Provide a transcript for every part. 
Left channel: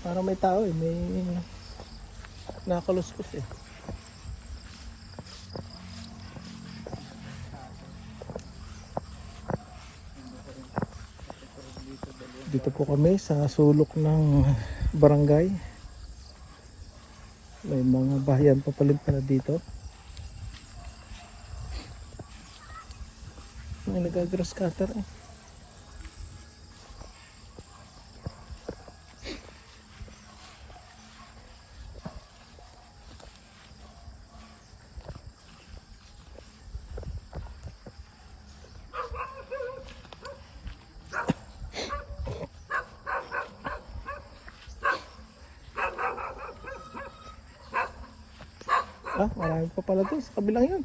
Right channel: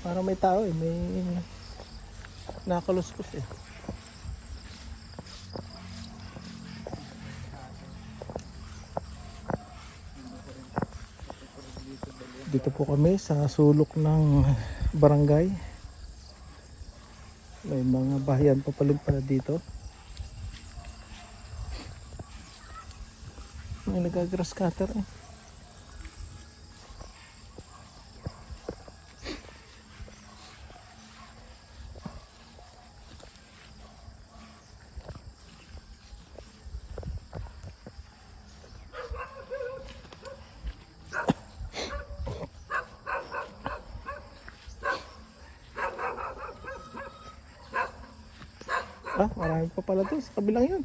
Para may tao eh, may nakaluskos eh. Dito po kami sa sulok ng barangay. May mga bahayan pa pala dito. May nagagrass cutter eh. Ah, marami pa pala to sa kabilang yun.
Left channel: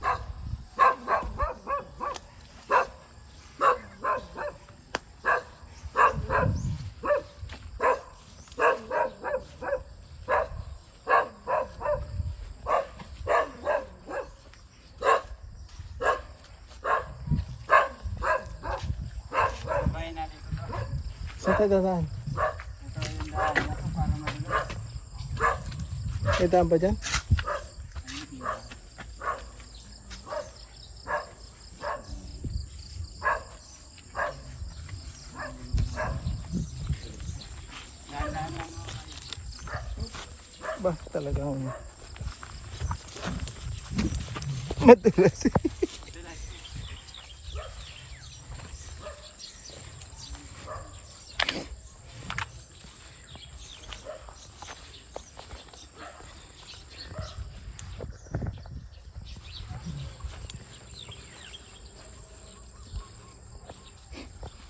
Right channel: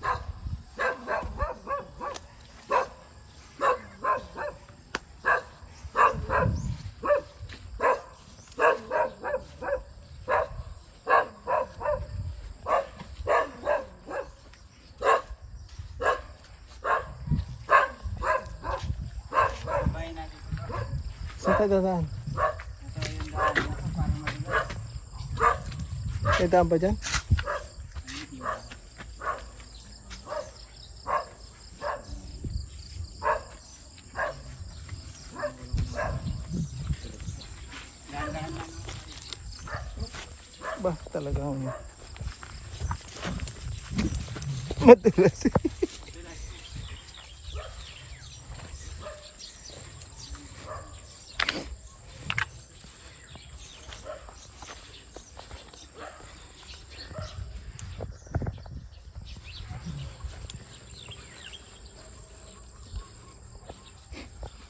Saan tayo dadaan? May daan ba dyan? Ba, talagang madulas.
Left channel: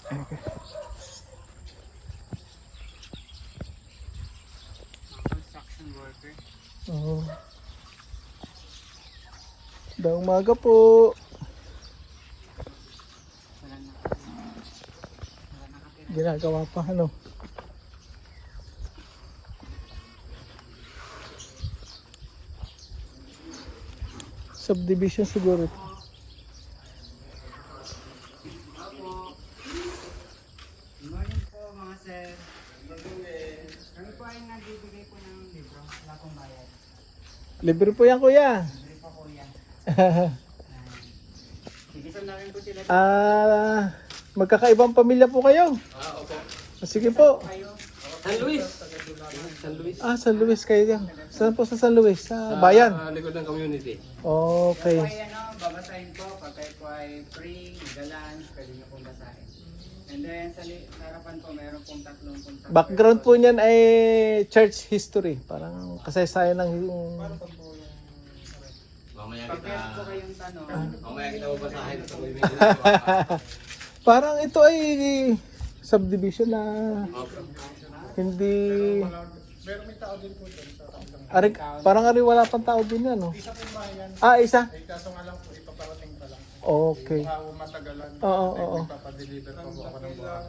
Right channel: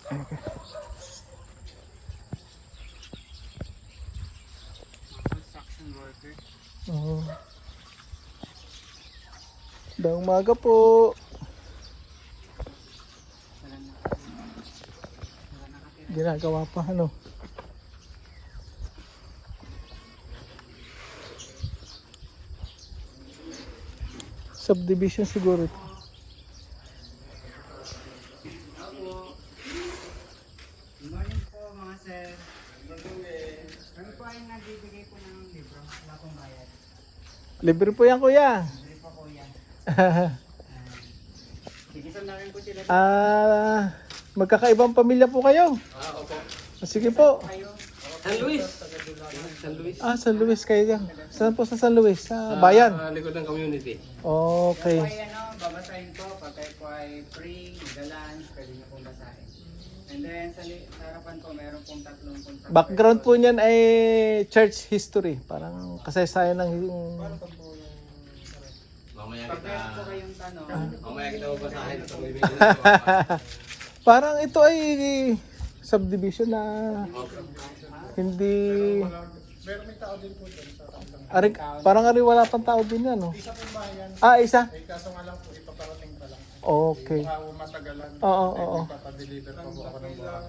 Okay. Magandang umaga po. Ginagawa pa ano? Subdivision siguro. Good morning po mga sir. Kami po ay nagbibigay po ng libro. Wala pong bayad. Libre po yan kuya. Libre pa po yan. Sigisan namin po sila. Magkakaibang pamilya po kayo. Okay. Sige po. San Luis. San Luis. San Luis kayo dyan. Saan po sa San Luis? Sa bayan? Likod ng community. Okay. Kaya po ay babasahin po. Pag kayo po ay free, galan, pwede niyo pong basahin. And then sa harapan po, meron pong tatlong punta. Background po niyan ay church history. Parang kasaysayan ng Mamaya kita. Pag po kayong tanong. Mamaya kita babasahin. parang ito ay subdivision na hindi ari, parang ari wala pang tao din yan, no? Isa? Kaso nga lang po, ipaparating pa lang. Okay. Matagalan. Oo. Papadeliver po ako ng buwan.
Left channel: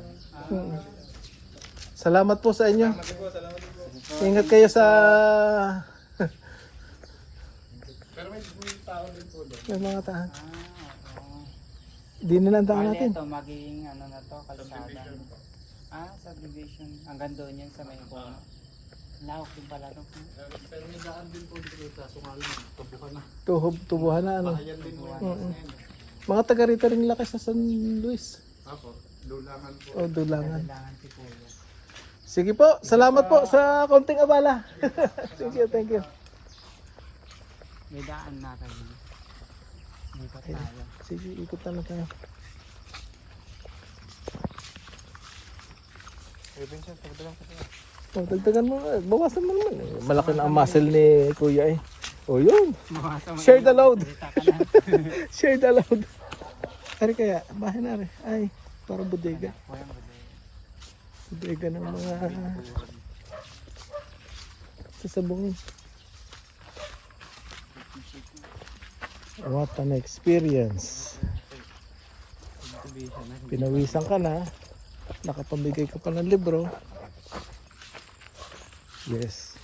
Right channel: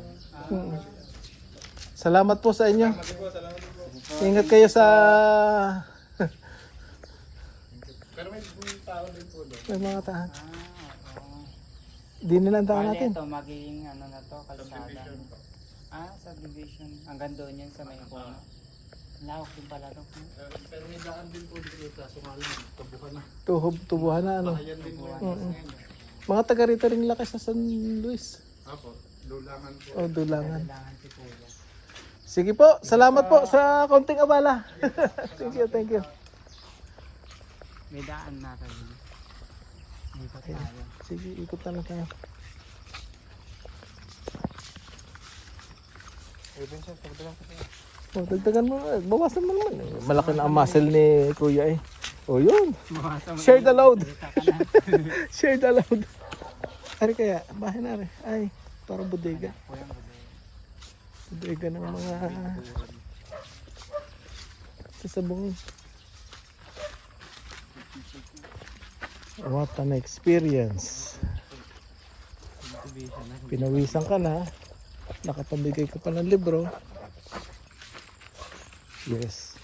Salamat po sa inyo. Ingat kayo sa may mga tahan. Di nila ang tahan natin. Ito magiging ano na to, kalsada. Subdivision. Hanggang doon yun sa may corner. Nakakita talaga. Tubuhan na ano. Mga taga rito rin lakas sa San Luis. Ako, dulangan po. O dulangan. Kailangan si Kuya. Sige po, salamat po sa konting abala. Thank you. May daan na tayo. May tayo. Sige, ikot na tayo. Oh, dagdagan mo na. Bawasan mo naman eh. Malaki na ang muscle ni Kuya eh. O yun. Share the load. Share the load. Ano kaya? Bahay na rin. Ay, para bodega. Bodega ng mga sasabungin. What an experience. Pinawisan ka na. Nakapamigay ka pa ng libro. Yes.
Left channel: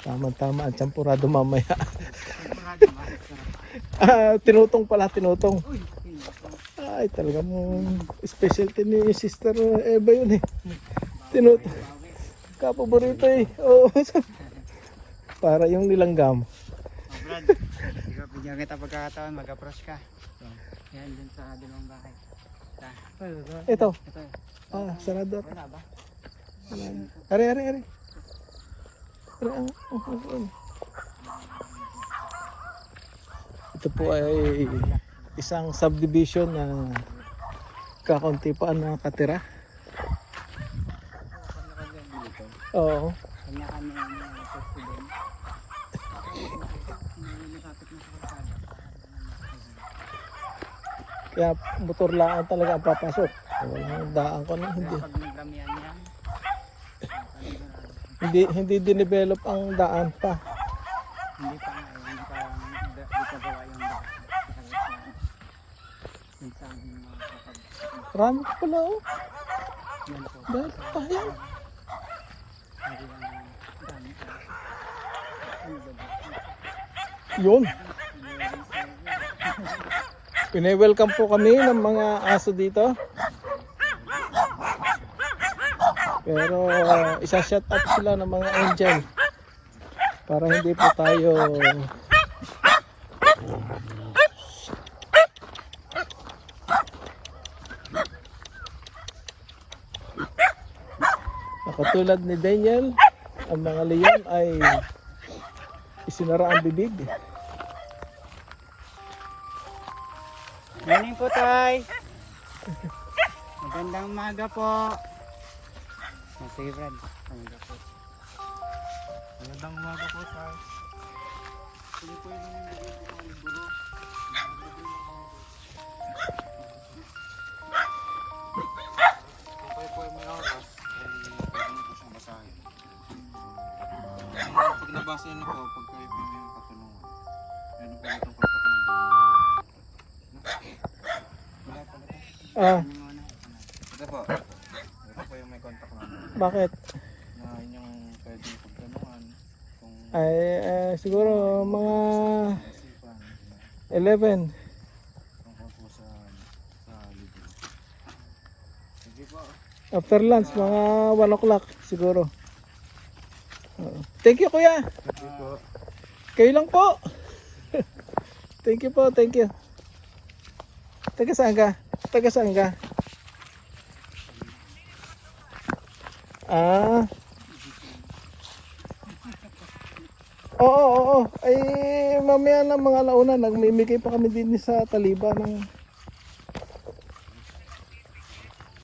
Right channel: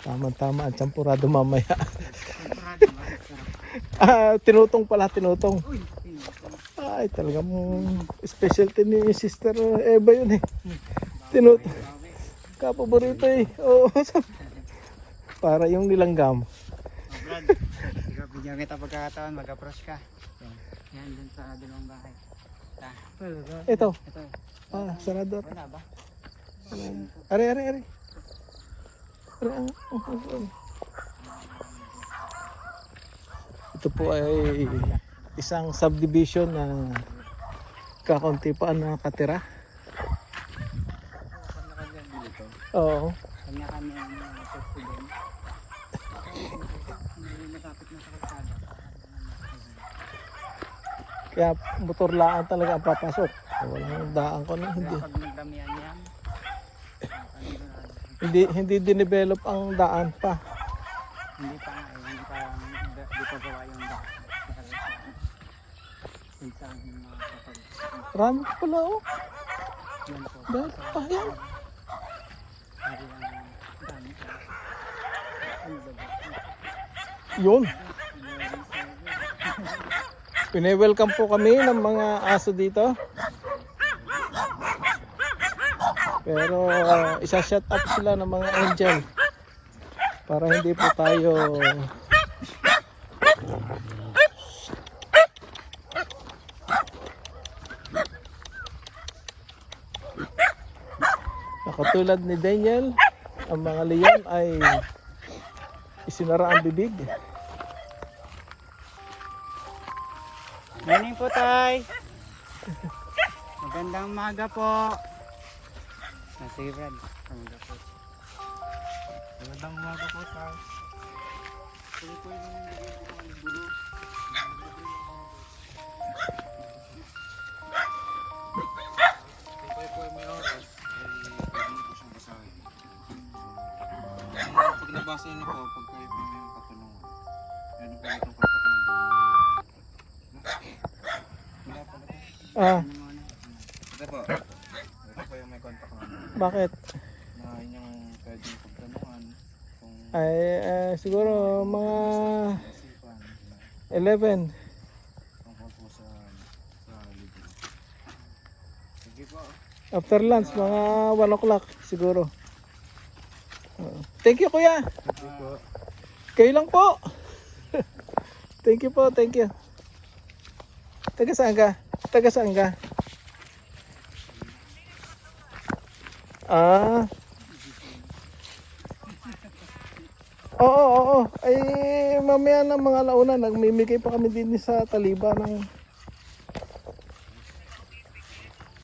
Tama-tama ang champurado mamaya. Tinutong pala, tinutong. Ay, talagang specialty ni Sister Eva yun eh. Tinutong. Kapaborito eh. Oo. Para yung nilanggam. Brad, ikaw, bigyan kita pagkakataon, mag-approach ka. Yan, dun sa dalang bahay. Ito. Ito. Ah, sanador. Wala ba? Are. Ito po ay isang subdivision na kakaunti pa ang nakatira. Kanya-kanya dito. Oo. Kanya-kanya yung posto doon. Kaya motor lang talaga ang papasok. Walang daan ka na. Hindi. Pag nagramihan yan, Hindi dinevelop ang daan pa. hindi pa gawa yung Marami ka pala oh. Bakit pa yan? Yun. Pine-welcome po kami ng mga aso dito. Pero isa-shut up sila ng mga angel para hindi po tayo katulad ni Daniel. Ang mga leon ay isinara ang bibig. morning po, Tay. Magandang umaga po. Sige, Brad. Magandang umaga po tayo. Pag nabasa yun ako, pag kayo po yung katanungan, ano po itong kapak ng Ah, ito po. Ito po yung may contact namin. bakit? Na inyong pwedeng pagtanungan. Kung Ay siguro mga 11 tungkol po sa libre. Sige po. after lunch, mga 1 o'clock siguro. Oo. Thank you kuya. Kayo lang po. Thank you po, thank you. Taga saan ka? Taga saan ka? Ah. Oo. Ay mamaya na mga launa nagmimigay pa kami din sa Taliba ng